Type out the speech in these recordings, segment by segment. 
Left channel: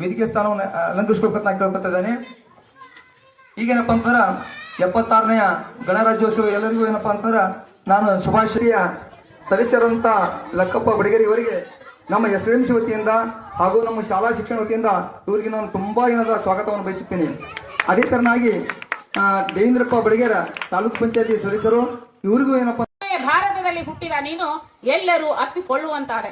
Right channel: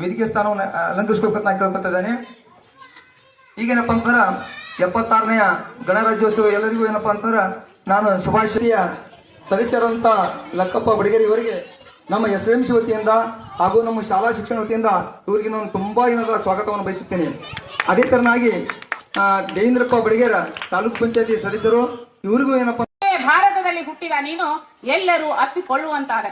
ವೇದಿಕೆ ಸ್ಥಾನವನ್ನು ಅಲಂಕರಿಸ್ಕೊಳ್ಬೇಕು ನಾನು ಈಗ ಈಗೇನಪ್ಪ ಅಂತಂದ್ರ ಎಪ್ಪತ್ತಾರನೆಯ ಗಣರಾಜ್ಯೋತ್ಸವ ಎಲ್ಲರಿಗೂ ಏನಪ್ಪ ಅಂತಂದ್ರ ನಾನು ಶುಭಾಶಯ ಸದಸ್ಯರಂತ ಲಕ್ಕಪ್ಪ ಬಡಗೇರಿ ಇವರಿಗೆ ನಮ್ಮ ಎಸ್ ಎಂ ಸಿ ವತಿಯಿಂದ ಹಾಗೂ ನಮ್ಮ ಶಾಲಾ ಶಿಕ್ಷಣ ವತಿಯಿಂದ ಇವರಿಗೆ ನಾನು ತುಂಬಾ ಏನಾದ ಸ್ವಾಗತವನ್ನು ಬಯಸುತ್ತೇನೆ. ಅದೇ ತರನಾಗಿ ದೇವೇಂದ್ರಪ್ಪ ಬಡಿಗೇರ ತಾಲೂಕು ಪಂಚಾಯತಿ ಸದಸ್ಯರು, ಇವರಿಗೂ ಏನಪ್ಪ ಭಾರತದಲ್ಲಿ ಹುಟ್ಟಿದ ನೀನು ಎಲ್ಲರೂ ಅಪ್ಪಿಕೊಳ್ಳುವಂತಾರೆ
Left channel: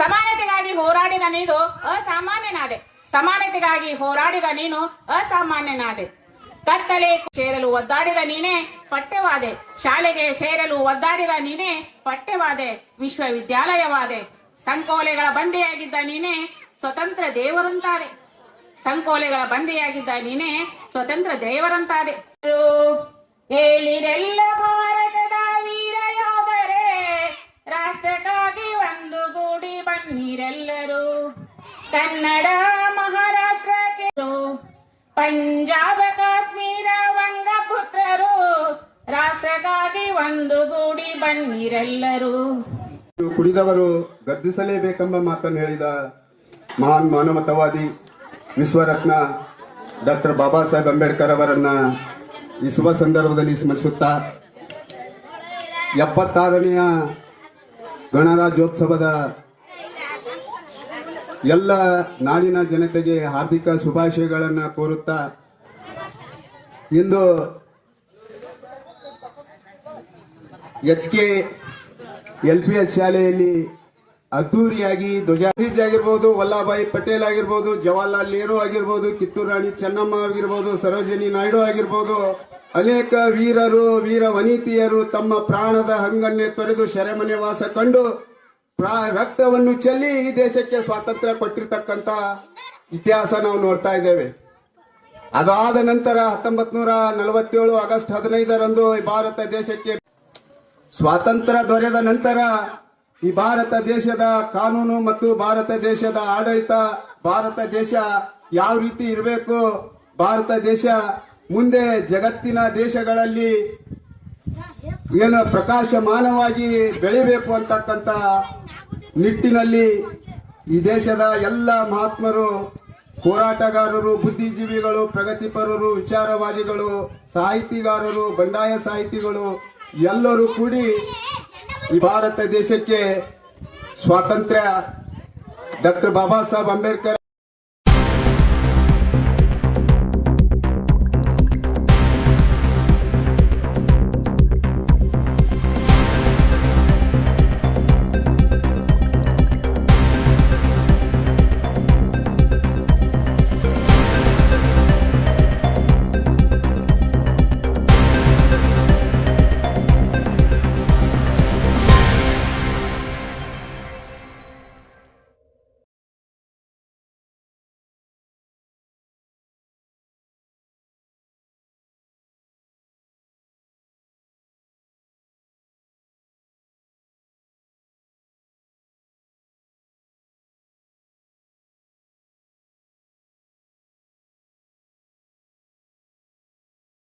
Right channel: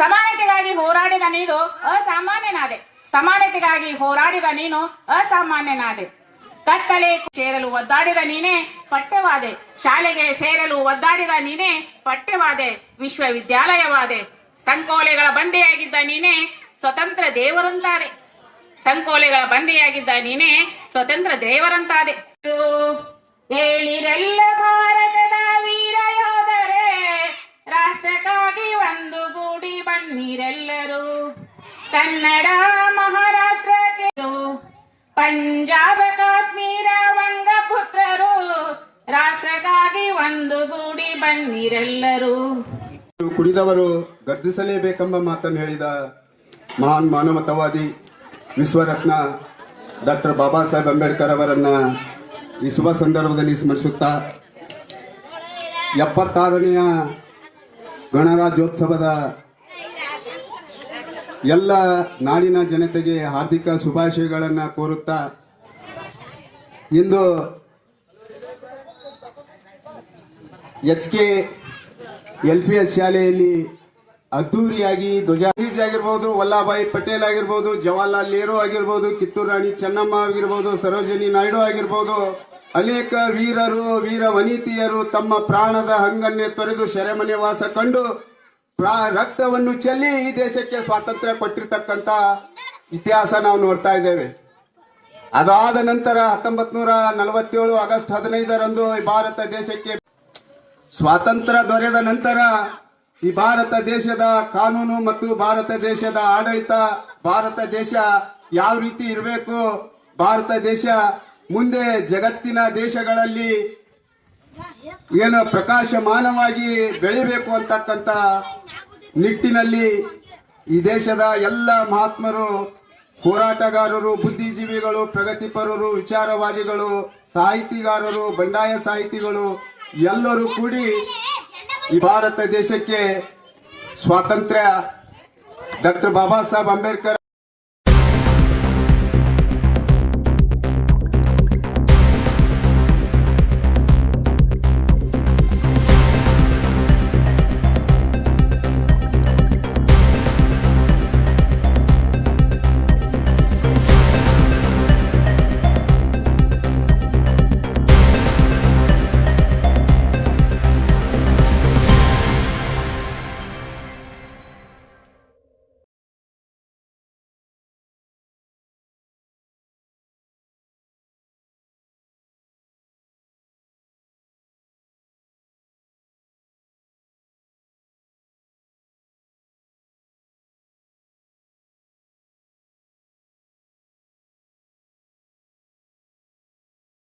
ಸಮಾನತೆಗಾಗಿ ಹೋರಾಡಿದ ನೀನು ಅಸಾಮಾನ್ಯನಾದೆ. ಸಮಾನತೆಗಾಗಿ ಹೋರಾಡಿದ ನೀನು ಅಸಾಮಾನ್ಯನಾದೆ. ಕತ್ತಲೆ ಸೇರಲು ಒದ್ದಾಡಿದ ನೀನೇ ಪಠ್ಯವಾದೆ. ಶಾಲೆಗೆ ಸೇರಲು ಒದ್ದಾಡಿದ ನೀನೇ ಪಠ್ಯವಾದೆ. ವಿಶ್ವವಿದ್ಯಾಲಯವಾದೆ. ಸಂಕೋಲೆಗಳ ಬಂದೆಯಾಗಿದ್ದ ನೀನೇ ಸ್ವತಂತ್ರ ದೇವರಂತಾದೆ. ಸಂಕೋಲೆಗಳ ಬಂದೆಯಾಗಿದ್ದ ನೀನೇ ಸ್ವತಂತ್ರ ದೇವರಂತಾದೆ. ಹೇಳಿರೆಲ್ಲ ಭಾರತದ ವೀರ ಯೋಧರೆ, ರಾಷ್ಟ್ರಕ್ಕಾಗಿ ಒಂದು ಗೂಡಿ ಬನ್ನಿರೆಲ್ಲರೂ. ಕನ್ನಡ ಪಂಜಾಬ ಕಾಶ್ಮೀರ ವಂಗಪುತ್ರರು ರಾಷ್ಟ್ರಕ್ಕಾಗಿ ಒಂದು ಗೂಡಿ ಬಂದಿರೆಲ್ಲರೂ ಕುಡಿದವರು ಗರ್ಜಿಸಲೇಬೇಕೆಂಬ ಮಾತನ್ನು ಹೇಳಿದ ಮಹಾನ್ ಮಾನವತಾವಾದಿ ವಿಶ್ವರತ್ನ ಡಾಕ್ಟರ್ ಬಾಬಾ ಸಾಹೇಬ್ ಅಂಬೇಡ್ಕರ್ ಅವರನ್ನ ಈ ಶುಭ ಸಂದರ್ಭದಲ್ಲಿ ಸ್ಮರಿಸುತ್ತಾ, ಎಪ್ಪತ್ತಾರನೆಯ ಗಣರಾಜ್ಯೋತ್ಸವದ ಎಲ್ಲ ನಾಡಿನ ಜನತೆಗೆ ಹಾರ್ದಿಕ ಶುಭಾಶಯಗಳನ್ನು ಕೋರುತ್ತಾ ಇಂದು H K L P S ಶಾಲೆಯಲ್ಲಿ ಅದ್ದೂರಿಯಾಗಿ ಧ್ವಜಾಜ್ ಆಗಿರ್ಬೋದು, ವಲ್ಲಭಾಯಿ ಪಟೇಲ್ ಆಗಿರ್ಬೋದು, ಜವಾಹರ್ಲಾಲ್ ನೆಹರು ಆಗಿರ್ಬೋದು, ಕಿತ್ತೂರು ರಾಣಿ ಚೆನ್ನಮ್ಮ ಆಗಿರ್ಬೋದು, ಸರೋಜಿನಿ ನಾಯ್ಡು ಆಗಿರ್ಬೋದು, ಅನೇಕ ವೀರರು, ವೀರ ವನಿತೆಯರು ತಮ್ಮ ಪ್ರಾಣದ ಹಂಗನ್ನೇ ತೊರೆದು ಸೆರೆಮನೆ ವಾಸ ಕಂಡು ರಕ್ತವನ್ನು ಚೆಲ್ಲಿ ಈ ದೇಶಕ್ಕೆ ಸ್ವಾತಂತ್ರ್ಯ ಕೊಟ್ಟಿರ್ತಕ್ಕಂತ ಇತಿಹಾಸ ನಾವು ನೋಡ್ತಾ ಇದ್ದೇವೆ. ಅದಾದ ನಂತರ ಹತ್ತೊಂಬತ್ ನೂರ ನಲವತ್ತೇಳು ಆಗಸ್ಟ್ ಹದಿನೈದರಂದು ಈ ಭಾರತ ದೇಶಕ್ಕೆ ಸ್ವಾತಂತ್ರ್ಯ ದೊರೆದ ನಂತರ ಈ ಭಾರತ ದೇಶದ ಕಾನೂನು ಮತ್ತು ಭಾರತ ದೇಶದ ಆಡಳಿತ, ಭಾರತ ದೇಶ ಯಾವ ರೀತಿ ಇರಬೇಕು, ಭಾರತ ದೇಶ ಮುಂದೆ ಜಗತ್ತಿನ ದೇಶಗಳಲ್ಲಿ ಏನು ಪ್ರಕಾಶಮಾನವಾಗಿ ಬೆಳಿಬೇಕು ಅಂತಕ್ಕಂಥ ನಿಟ್ಟಿನಲ್ಲಿ ಈ ದೇಶದ ಎಲ್ಲ ಮಹಾತ್ಮರು, ಹೋರಾಟಗಾರರು, ಬುದ್ಧಿಜೀವಿಗಳು, ಪ್ರಗತಿಪರರು, ವಿಚಾರವಾದಿಗಳು, ಸಾಹಿತಿಗಾರರು, ಬಂಡಾಯ ಸಾಹಿತಿಗಳು, ಎಲ್ಲರೂ ಕೂಡಿ ಈ ಭಾರತ ದೇಶಕ್ಕೆ ಸ್ವಾತಂತ್ರ್ಯ. ಡಾಕ್ಟರ್ ಬಾಬಾ ಸಾಹೇಬ್ ಅಂಬೇಡ್ಕರ್